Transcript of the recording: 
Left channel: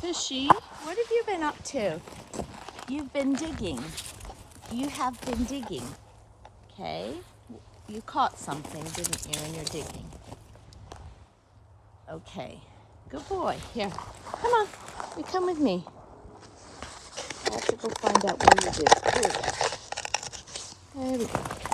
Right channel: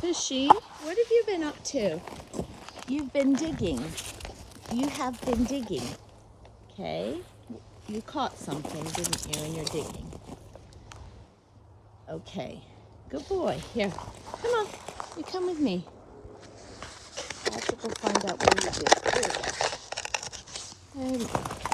Fishy, what have you been up to? You've been digging. You have been digging. Okay? You caught something, didn't you, in your digging? Okay. Good boy. Here. Come on. You come with me. I have to go find out what you did. There we go. There we go.